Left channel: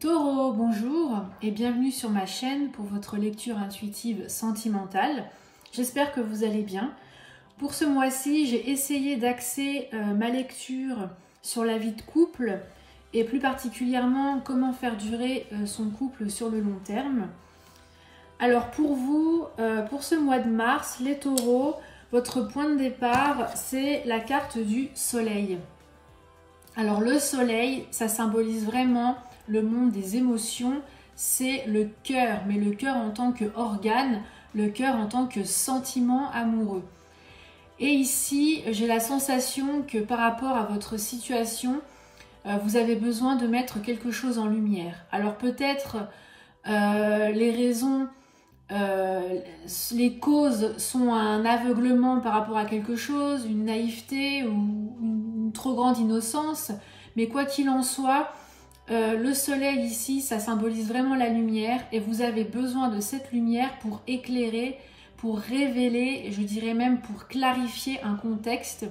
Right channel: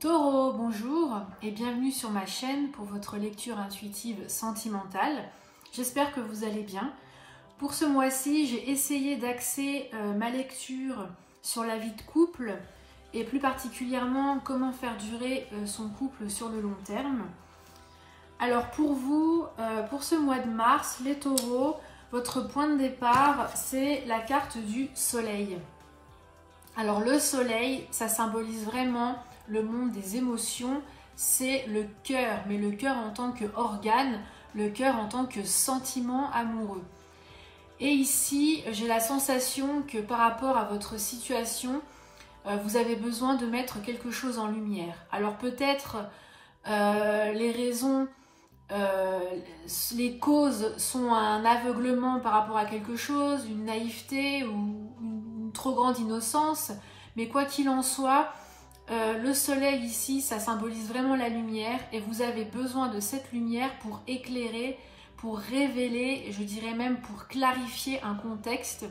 Taureau, bonjour et bienvenue sur ma chaîne pour votre lecture intuitive sentimentale. J'espère que vous allez bien. Pour ce mois-ci, j'ai essayé d'axer ma lecture sur la vie de couple et plus particulièrement comment faire durer son couple sur le long terme. Alors pour vous, pour ce mois de mars, les taureaux, votre point de départ, c'est la carte du soleil. Alors le soleil, ça symbolise vraiment le monde des émotions, c'est le cœur, mais le cœur en tant qu'organe, le cœur en tant que sentiment amoureux. Et ici, j'ai la sensation que par rapport à votre situation, vous avez besoin de mettre quelque chose en lumière. Alors peut-être les raisons, les causes sont un aveuglement par rapport à quelque chose, une naïveté ou une trop grande innocence, mais quoi qu'il en soit, le soleil ici, ça symbolise vraiment la lumière et vous avez besoin de cette lumière pour éclairer, pour révéler, je dirais même pour clarifier un contexte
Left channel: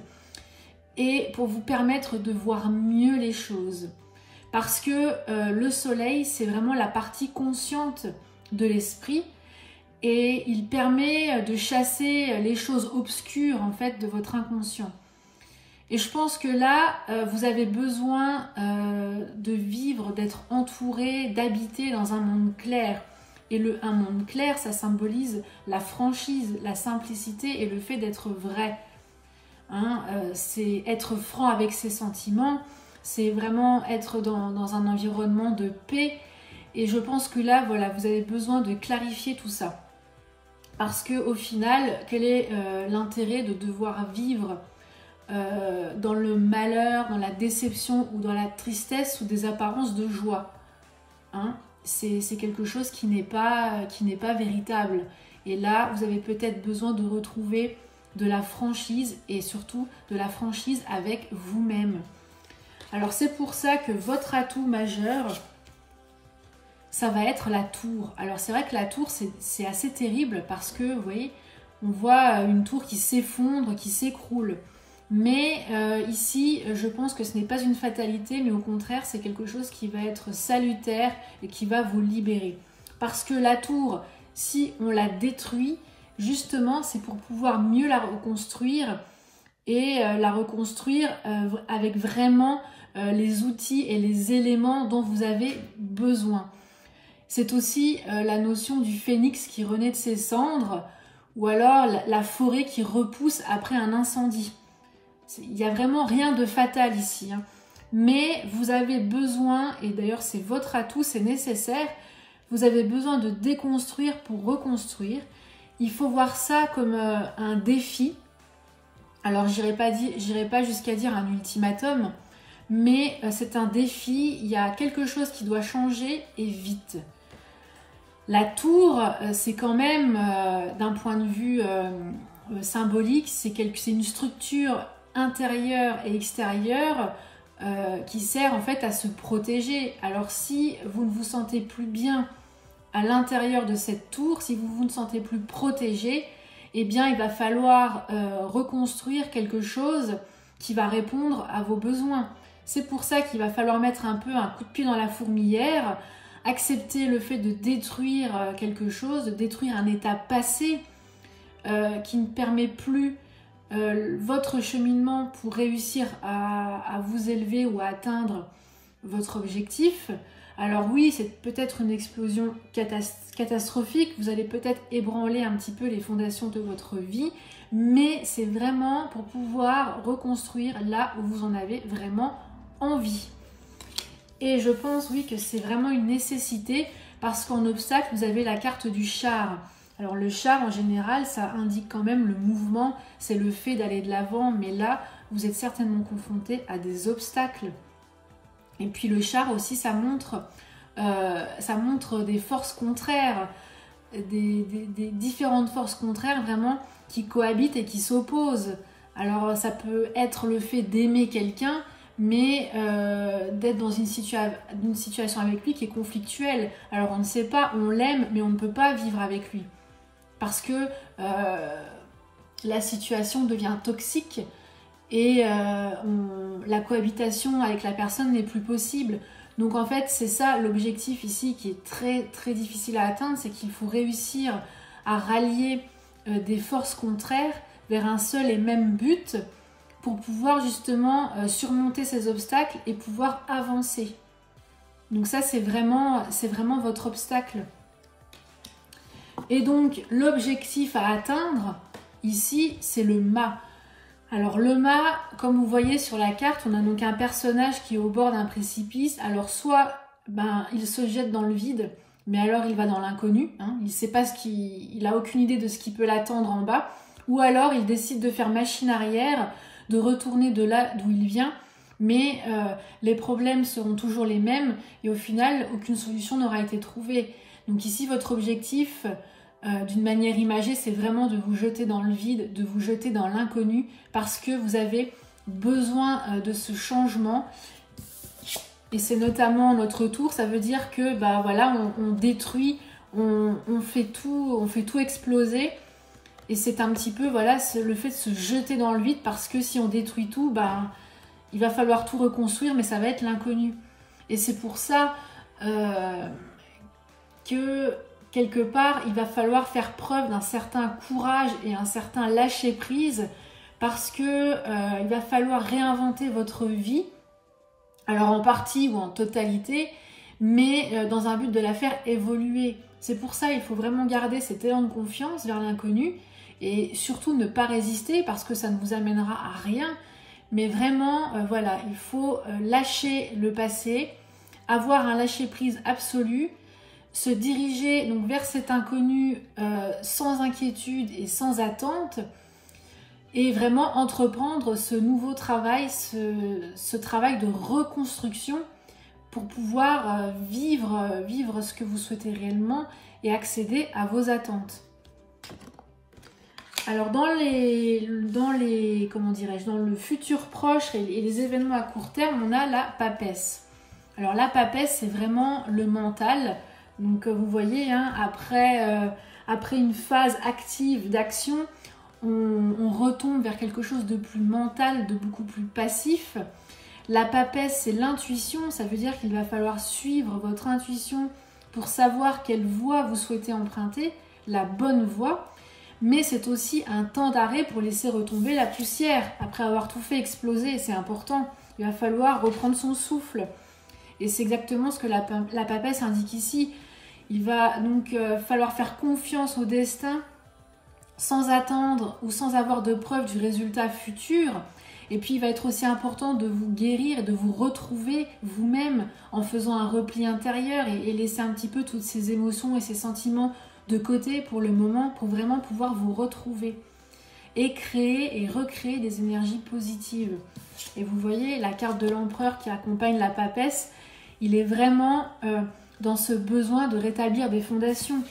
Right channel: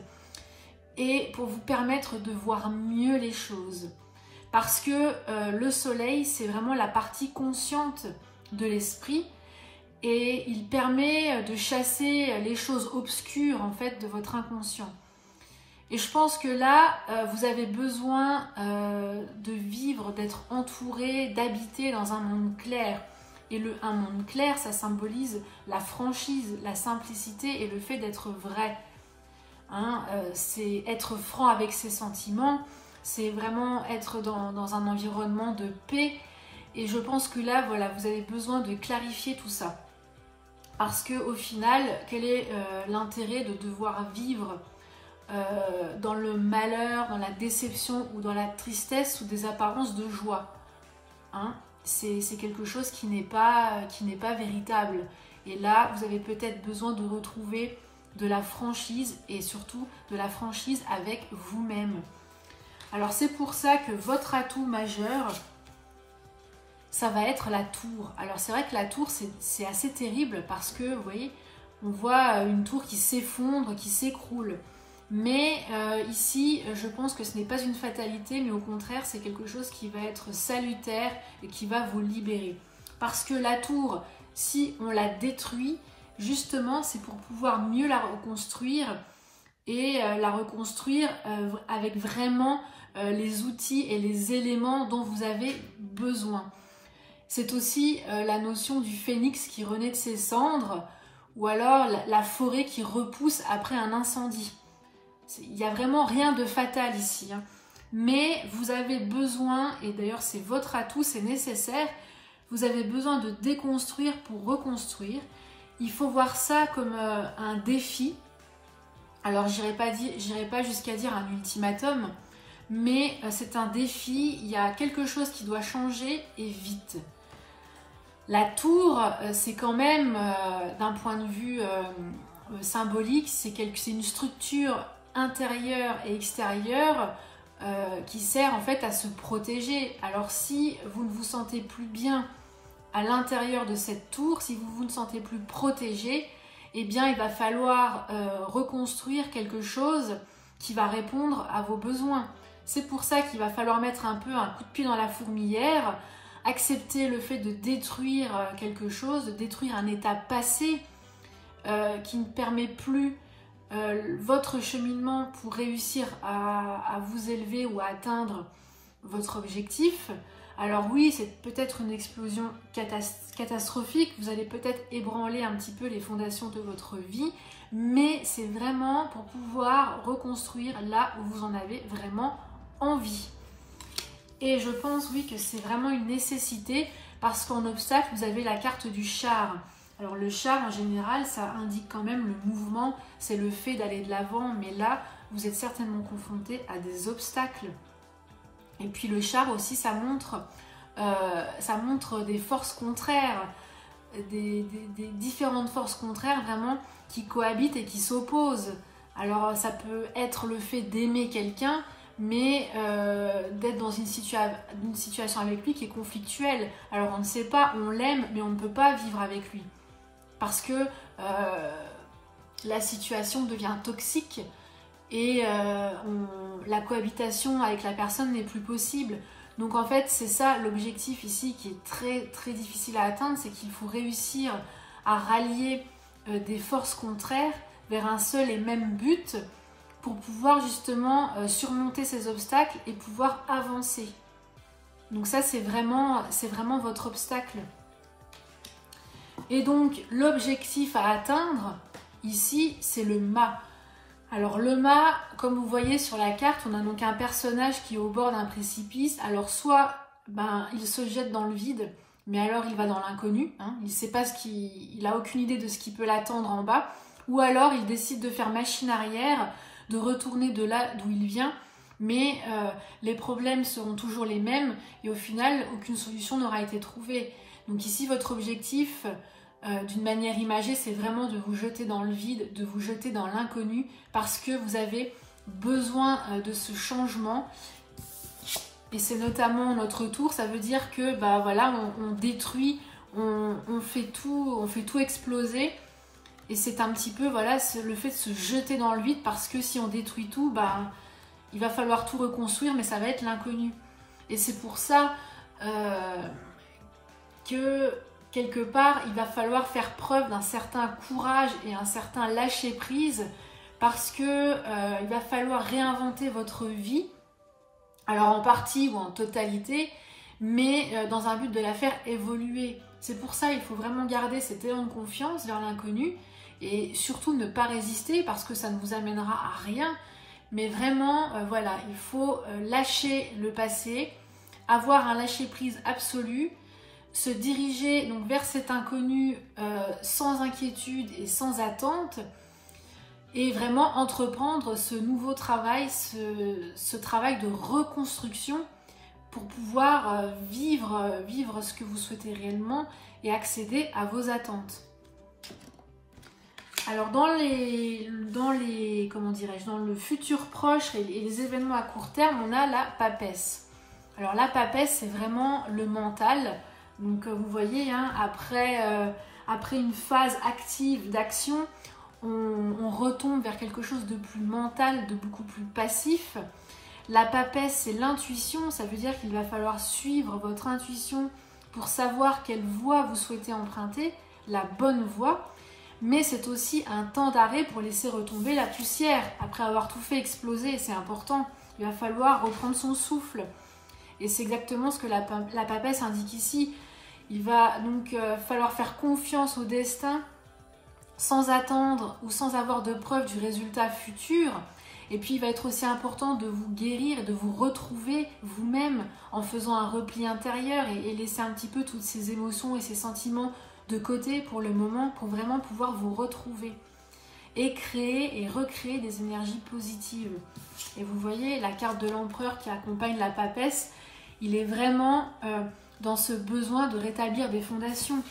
et pour vous permettre de voir mieux les choses. Parce que le soleil, c'est vraiment la partie consciente de l'esprit et il permet de chasser les choses obscures en fait de votre inconscient. Et je pense que là, vous avez besoin de vivre, d'être entouré, d'habiter dans un monde clair. Et un monde clair, ça symbolise la franchise, la simplicité et le fait d'être vrai. Hein, c'est être franc avec ses sentiments, c'est vraiment être dans un environnement de paix. Et je pense que là, voilà, vous avez besoin de clarifier tout ça. Parce qu'au final, quel est l'intérêt de devoir vivre dans le malheur, dans la déception ou dans la tristesse ou des apparences de joie, hein, c'est quelque chose qui n'est pas véritable. Et là, vous avez peut-être besoin de retrouver de la franchise et surtout de la franchise avec vous-même. Alors c'est pour ça que votre atout majeur, ça va être la tour. Alors c'est vrai que la tour, c'est assez terrible parce que, vous voyez, on voit une tour qui s'effondre, qui s'écroule. Mais ici, je pense que ce n'est pas une fatalité, mais au contraire, c'est quelque chose qui va être salutaire et qui va vous libérer. Parce que la tour, si on la détruit, justement, c'est pour pouvoir mieux la reconstruire et la reconstruire avec vraiment les outils et les éléments dont vous avez besoin. C'est aussi la notion du phénix qui renaît de ses cendres ou alors la forêt qui repousse après un incendie. Il n'y a vraiment rien de fatal ici, hein. Mais vous avez besoin, et d'ailleurs c'est votre atout, c'est nécessaire, vous avez besoin de déconstruire pour reconstruire. Il faut voir ça comme un défi. Alors j'irai pas jusqu'à dire un ultimatum, mais c'est un défi, il y a quelque chose qui doit changer et vite. La tour, c'est quand même, d'un point de vue symbolique, c'est une structure intérieure et extérieure qui sert en fait à se protéger. Alors si vous ne vous sentez plus bien à l'intérieur de cette tour, si vous ne sentez plus protégé, eh bien il va falloir reconstruire quelque chose qui va répondre à vos besoins. C'est pour ça qu'il va falloir mettre un peu un coup de pied dans la fourmilière, accepter le fait de détruire quelque chose, de détruire un état passé qui ne permet plus votre cheminement pour réussir à vous élever ou à atteindre votre objectif. Alors oui, c'est peut-être une explosion catastrophique, vous allez peut-être ébranler un petit peu les fondations de votre vie, mais c'est vraiment pour pouvoir reconstruire là où vous en avez vraiment envie. Et je pense, oui, que c'est vraiment une nécessité parce qu'en obstacle, vous avez la carte du char. Alors le char, en général, ça indique quand même le mouvement, c'est le fait d'aller de l'avant, mais là, vous êtes certainement confronté à des obstacles. Et puis le char aussi, ça montre des forces contraires, des différentes forces contraires vraiment qui cohabitent et qui s'opposent. Alors ça peut être le fait d'aimer quelqu'un, mais d'être dans une situation avec lui qui est conflictuelle. Alors on ne sait pas, on l'aime, mais on ne peut pas vivre avec lui. Parce que la situation devient toxique et la cohabitation avec la personne n'est plus possible. Donc en fait, c'est ça l'objectif ici qui est très très difficile à atteindre, c'est qu'il faut réussir à rallier des forces contraires vers un seul et même but pour pouvoir justement surmonter ces obstacles et pouvoir avancer. Donc ça, c'est vraiment votre obstacle. Et donc, l'objectif à atteindre, ici, c'est le mât. Alors, le mât, comme vous voyez sur la carte, on a donc un personnage qui est au bord d'un précipice. Alors, soit il se jette dans le vide, mais alors il va dans l'inconnu. Hein, il sait pas il n'a aucune idée de ce qui peut l'attendre en bas. Ou alors, il décide de faire machine arrière, de retourner de là d'où il vient. Mais les problèmes seront toujours les mêmes et au final, aucune solution n'aura été trouvée. Donc ici, votre objectif, d'une manière imagée, c'est vraiment de vous jeter dans le vide, de vous jeter dans l'inconnu parce que vous avez besoin de ce changement. Et c'est notamment notre tour, ça veut dire que voilà, on détruit, on fait tout exploser. Et c'est un petit peu voilà, le fait de se jeter dans le vide parce que si on détruit tout, il va falloir tout reconstruire, mais ça va être l'inconnu. Et c'est pour ça que quelque part, il va falloir faire preuve d'un certain courage et un certain lâcher-prise parce que il va falloir réinventer votre vie, alors en partie ou en totalité, mais dans un but de la faire évoluer. C'est pour ça qu'il faut vraiment garder cet élan de confiance vers l'inconnu et surtout ne pas résister parce que ça ne vous amènera à rien. Mais vraiment, voilà, il faut lâcher le passé, avoir un lâcher-prise absolu, se diriger donc vers cet inconnu sans inquiétude et sans attente et vraiment entreprendre ce nouveau travail, ce travail de reconstruction pour pouvoir vivre ce que vous souhaitez réellement et accéder à vos attentes. Alors dans le futur proche et les événements à court terme, on a la papesse. Alors la papesse, c'est vraiment le mental. Donc vous voyez, hein, après une phase active d'action, on retombe vers quelque chose de plus mental, de beaucoup plus passif. La papesse, c'est l'intuition, ça veut dire qu'il va falloir suivre votre intuition pour savoir quelle voie vous souhaitez emprunter, la bonne voie. Mais c'est aussi un temps d'arrêt pour laisser retomber la poussière. Après avoir tout fait exploser, c'est important, il va falloir reprendre son souffle. Et c'est exactement ce que la papesse indique ici. Il va donc falloir faire confiance au destin sans attendre ou sans avoir de preuve du résultat futur. Et puis il va être aussi important de vous guérir, de vous retrouver vous-même en faisant un repli intérieur et laisser un petit peu toutes ces émotions et ces sentiments de côté pour le moment, pour vraiment pouvoir vous retrouver et créer et recréer des énergies positives. Et vous voyez la carte de l'empereur qui accompagne la papesse, il est vraiment dans ce besoin de rétablir des fondations.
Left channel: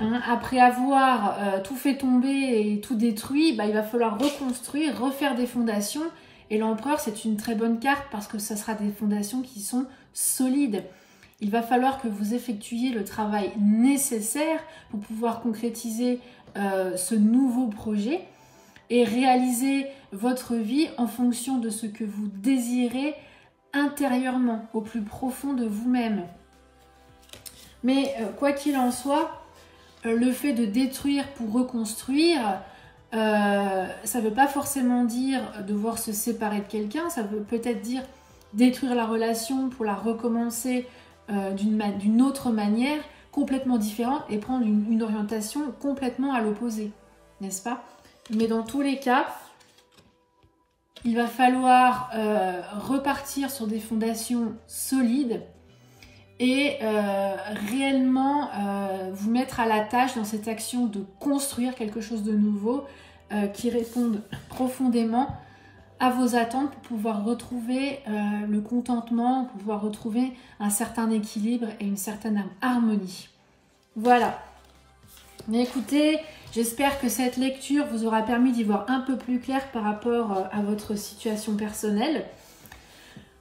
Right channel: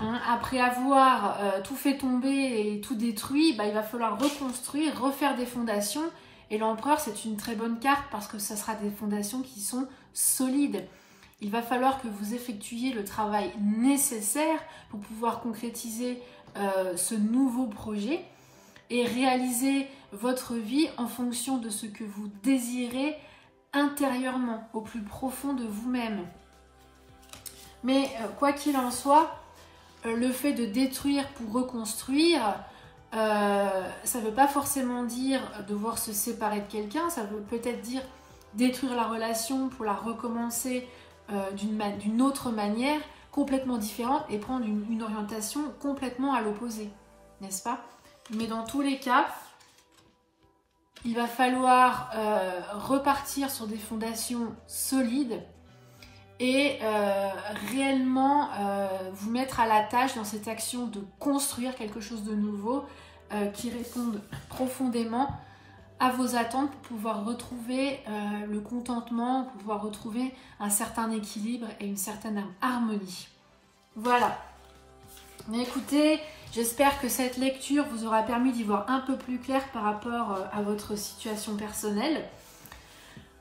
Hein, après avoir tout fait tomber et tout détruit, il va falloir reconstruire, refaire des fondations. Et l'empereur, c'est une très bonne carte parce que ça sera des fondations qui sont solides. Il va falloir que vous effectuiez le travail nécessaire pour pouvoir concrétiser ce nouveau projet et réaliser votre vie en fonction de ce que vous désirez intérieurement, au plus profond de vous-même. Mais quoi qu'il en soit, le fait de détruire pour reconstruire, ça ne veut pas forcément dire devoir se séparer de quelqu'un, ça veut peut-être dire détruire la relation pour la recommencer d'une autre manière, complètement différente et prendre une orientation complètement à l'opposé, n'est-ce pas? Mais dans tous les cas, il va falloir repartir sur des fondations solides et réellement vous mettre à la tâche dans cette action de construire quelque chose de nouveau qui réponde profondément à vos attentes pour pouvoir retrouver le contentement, pour pouvoir retrouver un certain équilibre et une certaine harmonie. Voilà. Mais écoutez, j'espère que cette lecture vous aura permis d'y voir un peu plus clair par rapport à votre situation personnelle.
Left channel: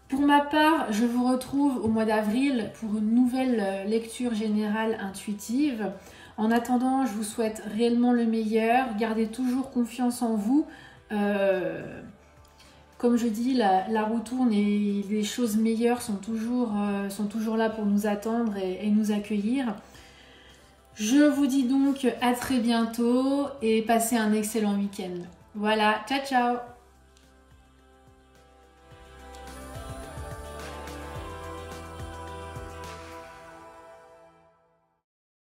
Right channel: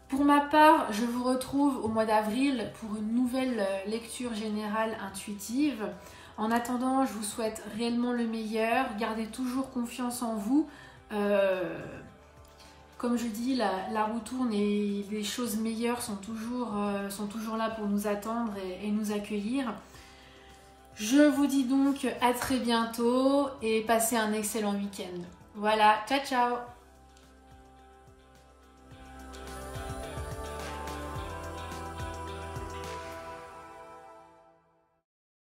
Pour ma part, je vous retrouve au mois d'avril pour une nouvelle lecture générale intuitive. En attendant, je vous souhaite réellement le meilleur. Gardez toujours confiance en vous. Comme je dis, la roue tourne et les choses meilleures sont toujours là pour nous attendre et nous accueillir. Je vous dis donc à très bientôt et passez un excellent week-end. Voilà, ciao ciao!